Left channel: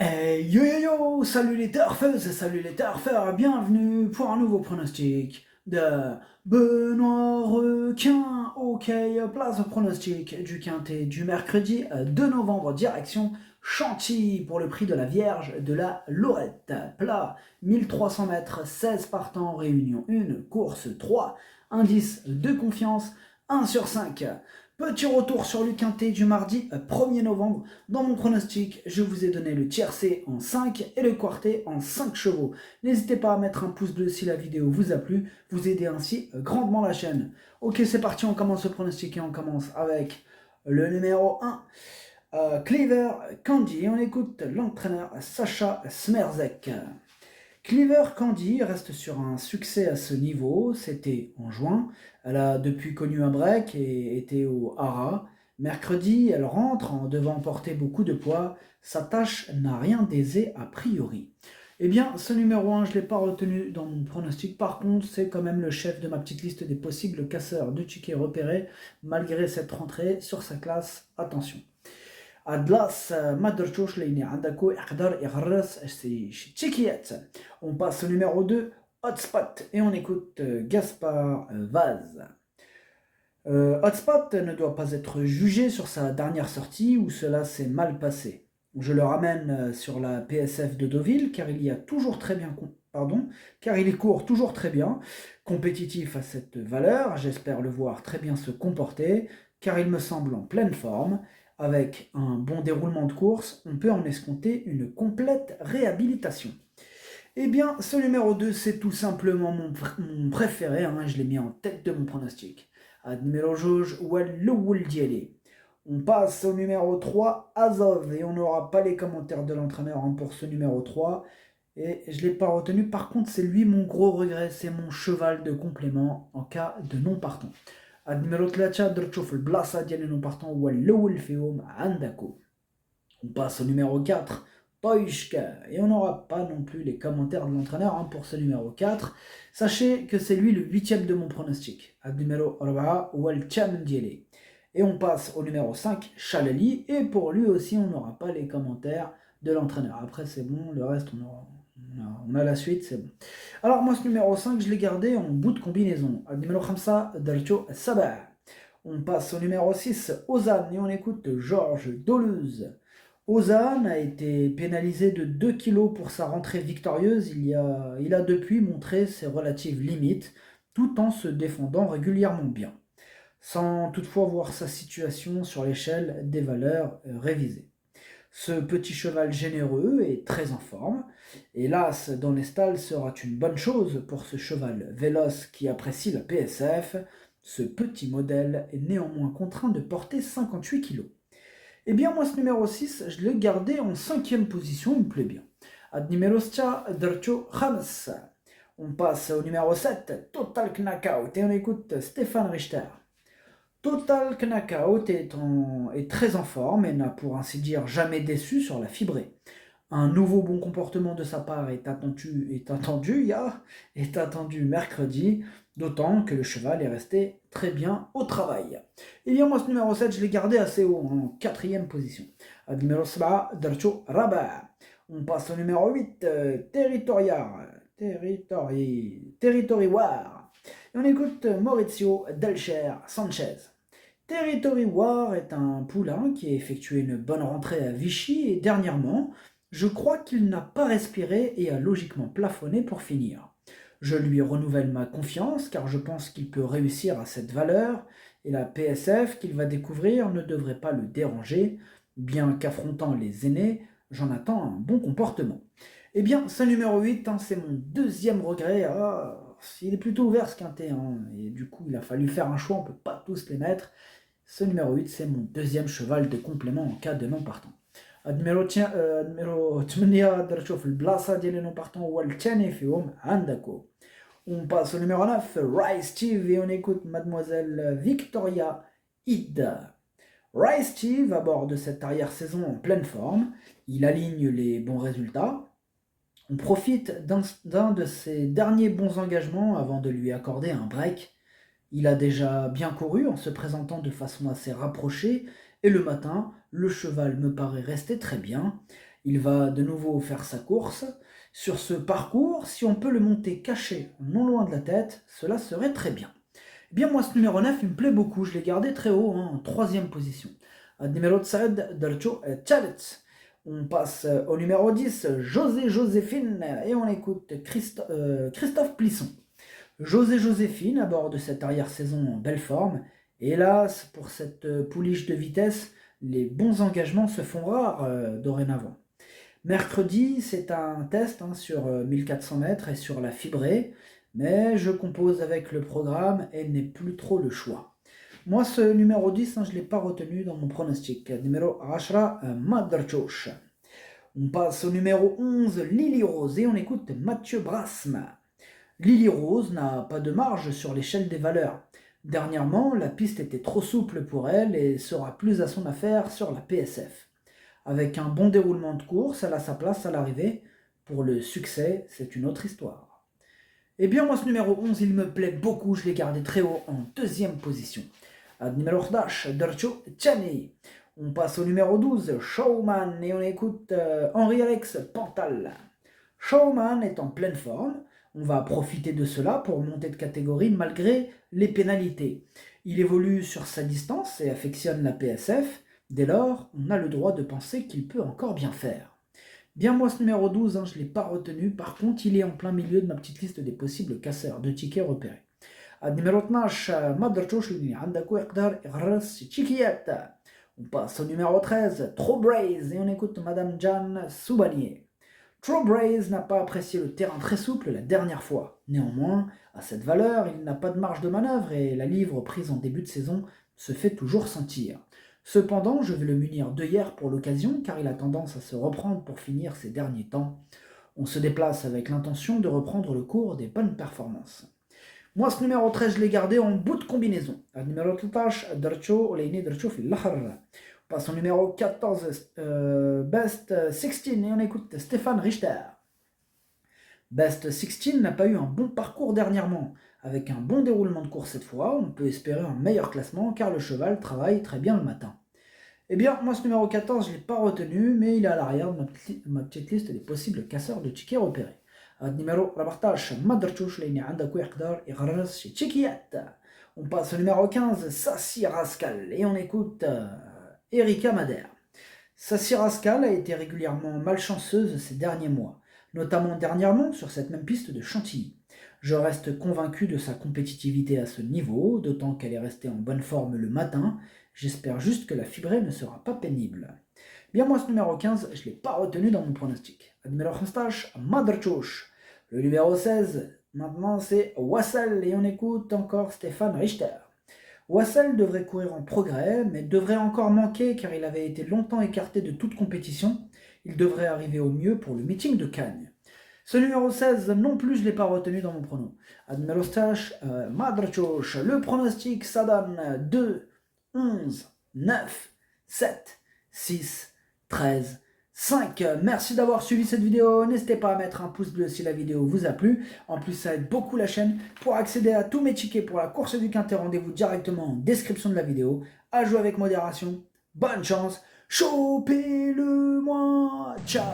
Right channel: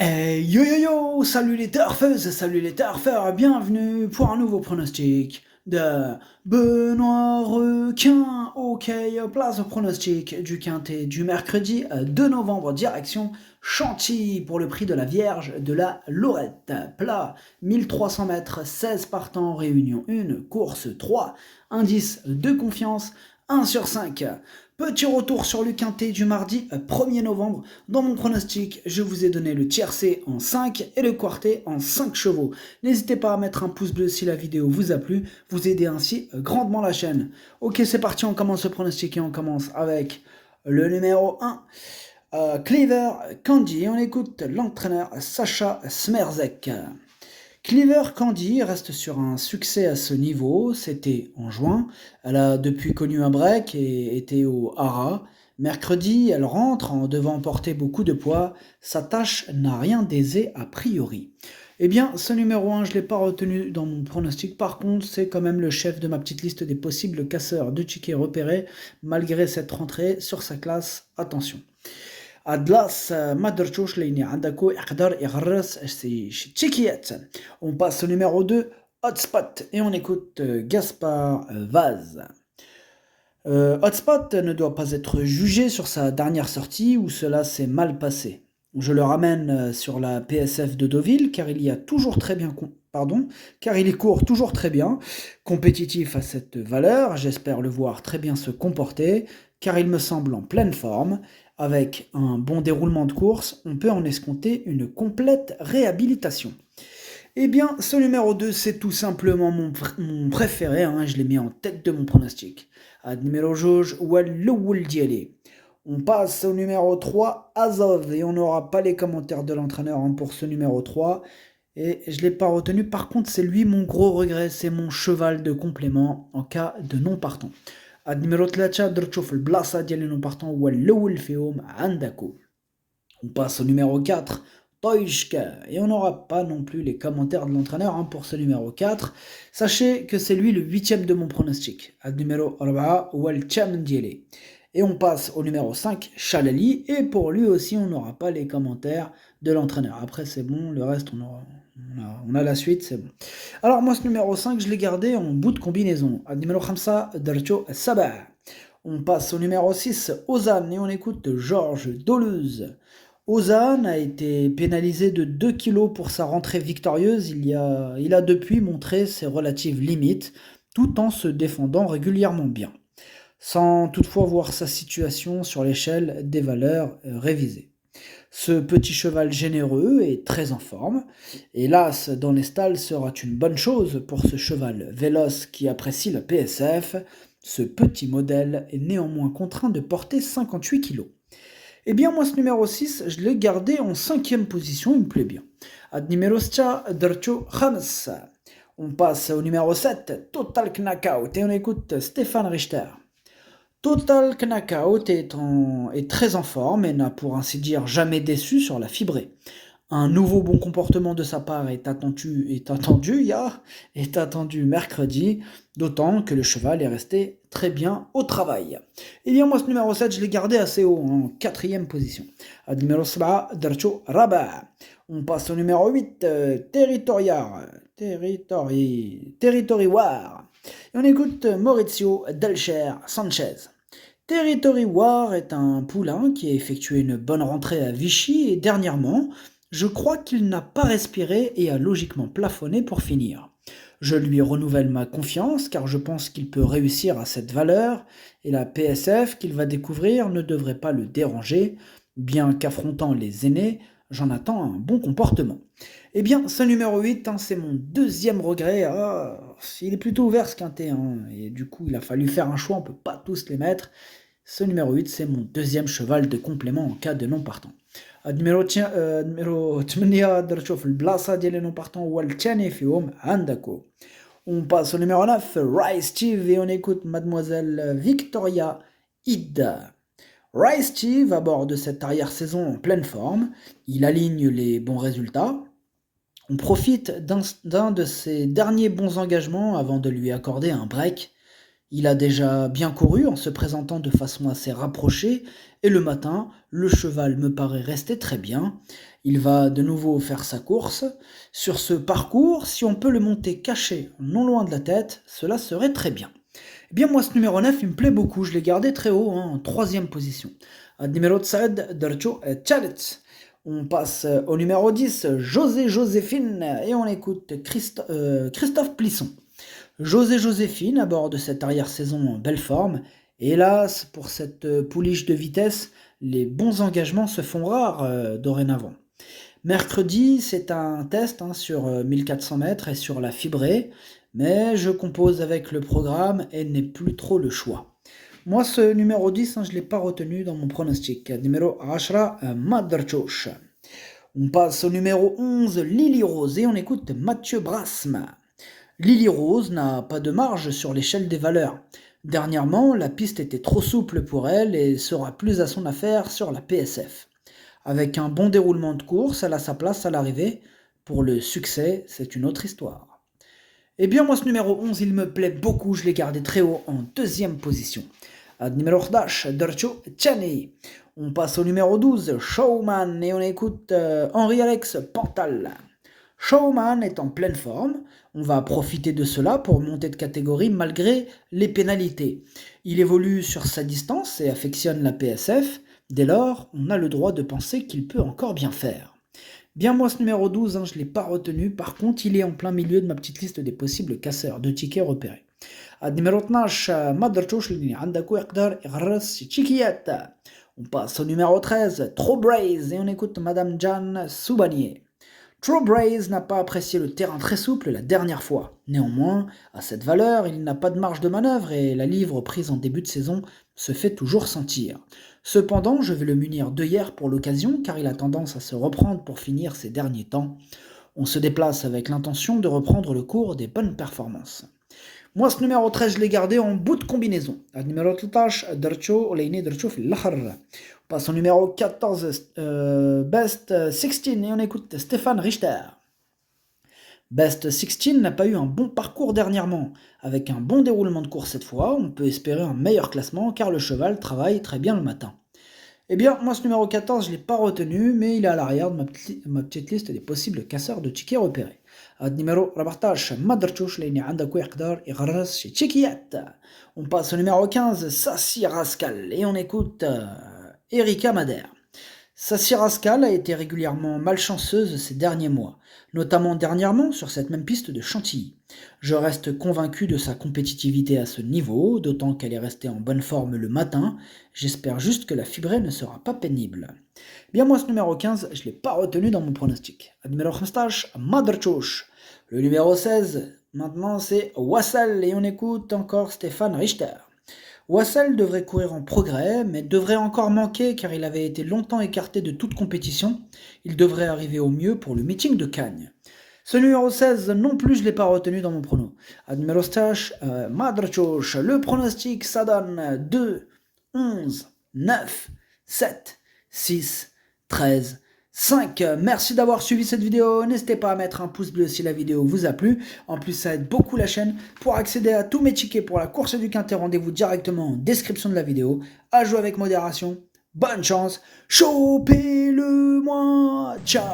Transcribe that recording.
Yo yo yo, salut les turfeuses, salut les turfeurs, bienvenue pour un nouveau pronostic de Benoît Requin. Ok, place au pronostic du quintet du mercredi 2 novembre, direction Chantilly pour le prix de la Vierge de la Lorette. Plat 1300 mètres, 16 partants, réunion 1, course 3, indice de confiance 1 sur 5. Petit retour sur le quintet du mardi 1er novembre. Dans mon pronostic, je vous ai donné le tiercé en 5 et le quartet en 5 chevaux. N'hésitez pas à mettre un pouce bleu si la vidéo vous a plu, vous aidez ainsi grandement la chaîne. Ok, c'est parti, on commence le pronostic et on commence avec le numéro 1, Cleaver Candy. On écoute l'entraîneur Sacha Smerzek. Cleaver Candy reste sur un succès à ce niveau, c'était en juin. Elle a depuis connu un break et était au Hara. Mercredi, elle rentre en devant porter beaucoup de poids. Sa tâche n'a rien d'aisé a priori. Eh bien, ce numéro 1, je ne l'ai pas retenu dans mon pronostic. Par contre, c'est quand même le chef de ma petite liste des possibles casseurs de tickets repérés, malgré cette rentrée sur sa classe. Attention. Adlas ما درتوش لاني عندكو يقدر يغرس شي تشيكيات. On passe au numéro 2, Hotspot, et on écoute Gaspard Vaz. Hotspot ne doit pas être jugé sur sa dernière sortie où cela s'est mal passé. Je le ramène sur la PSF de Deauville car il y a toujours très bien car il court toujours très bien, compétitif à cette valeur, j'espère le voir très bien se comporter car il me semble en pleine forme. Avec un bon déroulement de course, on peut en escompter une complète réhabilitation. Eh bien, ce numéro 2, c'est tout simplement mon préféré, hein, je l'ai mis en tête de mon pronostic. Ad numéro jauge, Walloul Dialé. On passe au numéro 3, Azov, et on n'aura pas les commentaires de l'entraîneur hein, pour ce numéro 3. Et je ne l'ai pas retenu, par contre, c'est lui mon gros regret, c'est mon cheval de complément en cas de non partant. Ad numéro 3, درت تشوف البلاصة ديال non partant هو الأول فيهم عندكو. On passe au numéro 4, Toishka, et on n'aura pas non plus les commentaires de l'entraîneur hein, pour ce numéro 4. Sachez que c'est lui le 8e de mon pronostic. Ad numéro 4, Walcham Diele. Et on passe au numéro 5, Chalali, et pour lui aussi on n'aura pas les commentaires de l'entraîneur. Après c'est bon, le reste on a la suite, c'est bon. Alors moi ce numéro 5, je l'ai gardé en bout de combinaison. Ad numéro 5, Darcho Sabah. On passe au numéro 6, Ozan, et on écoute Georges Doluze. Ozan a été pénalisé de 2 kilos pour sa rentrée victorieuse. Il a depuis montré ses relatives limites, tout en se défendant régulièrement bien, sans toutefois voir sa situation sur l'échelle des valeurs révisées. Ce petit cheval généreux est très en forme. Hélas, dans les stalles sera une bonne chose pour ce cheval véloce qui apprécie la PSF. Ce petit modèle est néanmoins contraint de porter 58 kg. Eh bien, moi, ce numéro 6, je l'ai gardé en 5e position, il me plaît bien. Ad numéro 7, Dercho Khams. On passe au numéro 7, Total Knockout, et on écoute Stéphane Richter. Total Knockout est très en forme et n'a pour ainsi dire jamais déçu sur la fibrée. Un nouveau bon comportement de sa part est attendu mercredi, d'autant que le cheval est resté très bien au travail. Et bien moi ce numéro 7, je l'ai gardé assez haut, en 4e position. À numéro 7, Darcho Rabat. On passe au numéro 8, Territory War. Et on écoute Maurizio Delcher Sanchez. Territory War est un poulain qui a effectué une bonne rentrée à Vichy et dernièrement, je crois qu'il n'a pas respiré et a logiquement plafonné pour finir. Je lui renouvelle ma confiance car je pense qu'il peut réussir à cette valeur et la PSF qu'il va découvrir ne devrait pas le déranger, bien qu'affrontant les aînés, j'en attends un bon comportement. Eh bien, ce numéro 8, hein, c'est mon deuxième regret. Il est plutôt ouvert ce quintet, hein, et du coup il a fallu faire un choix, on ne peut pas tous les mettre. Ce numéro 8, c'est mon deuxième cheval de complément en cas de non partant. numéro 8 درت في البلاصة ديال non partant هو الثاني فيهم عندكو. On passe au numéro 9, Rice Steve, et on écoute Mademoiselle Victoria Ida. Rice Steve aborde cette arrière-saison en pleine forme, il aligne les bons résultats. On profite d'un de ses derniers bons engagements avant de lui accorder un break. Il a déjà bien couru en se présentant de façon assez rapprochée, et le matin, le cheval me paraît rester très bien. Il va de nouveau faire sa course. Sur ce parcours, si on peut le monter caché, non loin de la tête, cela serait très bien. Eh bien, moi, ce numéro 9, il me plaît beaucoup. Je l'ai gardé très haut, hein, en troisième position. Numéro 7, Darcho Chalet. On passe au numéro 10, José Joséphine, et on écoute Christophe Plisson. José Joséphine aborde cette arrière-saison en belle forme. Hélas, pour cette pouliche de vitesse, les bons engagements se font rares dorénavant. Mercredi, c'est un test, hein, sur 1400 mètres et sur la fibrée, mais je compose avec le programme et n'ai plus trop le choix. Moi, ce numéro 10, hein, je ne l'ai pas retenu dans mon pronostic. Numéro 10, Madrachosh. On passe au numéro 11, Lily Rose, et on écoute Mathieu Brasme. Lily Rose n'a pas de marge sur l'échelle des valeurs. Dernièrement, la piste était trop souple pour elle et sera plus à son affaire sur la PSF. Avec un bon déroulement de course, elle a sa place à l'arrivée. Pour le succès, c'est une autre histoire. Eh bien, moi, ce numéro 11, il me plaît beaucoup. Je l'ai gardé très haut en deuxième position. Numéro 11, Darcho Chani. On passe au numéro 12, Showman, et on écoute Henri-Alex Pantal. Showman est en pleine forme. On va profiter de cela pour monter de catégorie malgré les pénalités. Il évolue sur sa distance et affectionne la PSF. Dès lors, on a le droit de penser qu'il peut encore bien faire. Bien, moi, ce numéro 12, hein, je ne l'ai pas retenu. Par contre, il est en plein milieu de ma petite liste des possibles casseurs de tickets repérés. Numéro 12, Madrachosh, on passe au numéro 13, Trop Braze, et on écoute Madame Jeanne Soubanier. True Braze n'a pas apprécié le terrain très souple la dernière fois. Néanmoins, à cette valeur, il n'a pas de marge de manœuvre et la livre prise en début de saison se fait toujours sentir. Cependant, je vais le munir d'œillères pour l'occasion car il a tendance à se reprendre pour finir ces derniers temps. On se déplace avec l'intention de reprendre le cours des bonnes performances. Moi, ce numéro 13, je l'ai gardé en bout de combinaison. Numéro 13, Darcho Oleini Darcho Fil-Lahar. On passe au numéro 14, Best 16, et on écoute Stéphane Richter. Best 16 n'a pas eu un bon parcours dernièrement. Avec un bon déroulement de course cette fois, on peut espérer un meilleur classement car le cheval travaille très bien le matin. Eh bien, moi, ce numéro 14, je ne l'ai pas retenu, mais il est à l'arrière de ma petite liste des possibles casseurs de tickets repérés. Numéro 14, Madrachouch, لأني عندك يقدر يغرس شي تشيكيات. On passe au numéro 15, Sassy Rascal, et on écoute Erika Madère. Sassy Rascal a été régulièrement malchanceuse ces derniers mois, notamment dernièrement sur cette même piste de Chantilly. Je reste convaincu de sa compétitivité à ce niveau, d'autant qu'elle est restée en bonne forme le matin. J'espère juste que la fibrée ne sera pas pénible. Bien, moi, ce numéro 15, je ne l'ai pas retenu dans mon pronostic. Numéro 15, Madrachouch. Le numéro 16, maintenant, c'est Wassel, et on écoute encore Stéphane Richter. Wassel devrait courir en progrès, mais devrait encore manquer car il avait été longtemps écarté de toute compétition. Il devrait arriver au mieux pour le meeting de Cagnes. Ce numéro 16, non plus, je ne l'ai pas retenu dans mon prono. Numéro 16, Madrachouch. Le pronostic, ça donne 2, 11, 9, 7, 6, 13, 5. Merci d'avoir suivi cette vidéo. N'hésitez pas à mettre un pouce bleu si la vidéo vous a plu. En plus, ça aide beaucoup la chaîne. Pour accéder à tous mes tickets pour la course du Quintet, rendez-vous directement en description de la vidéo. À jouer avec modération. Bonne chance. Chopez-le-moi. Ciao.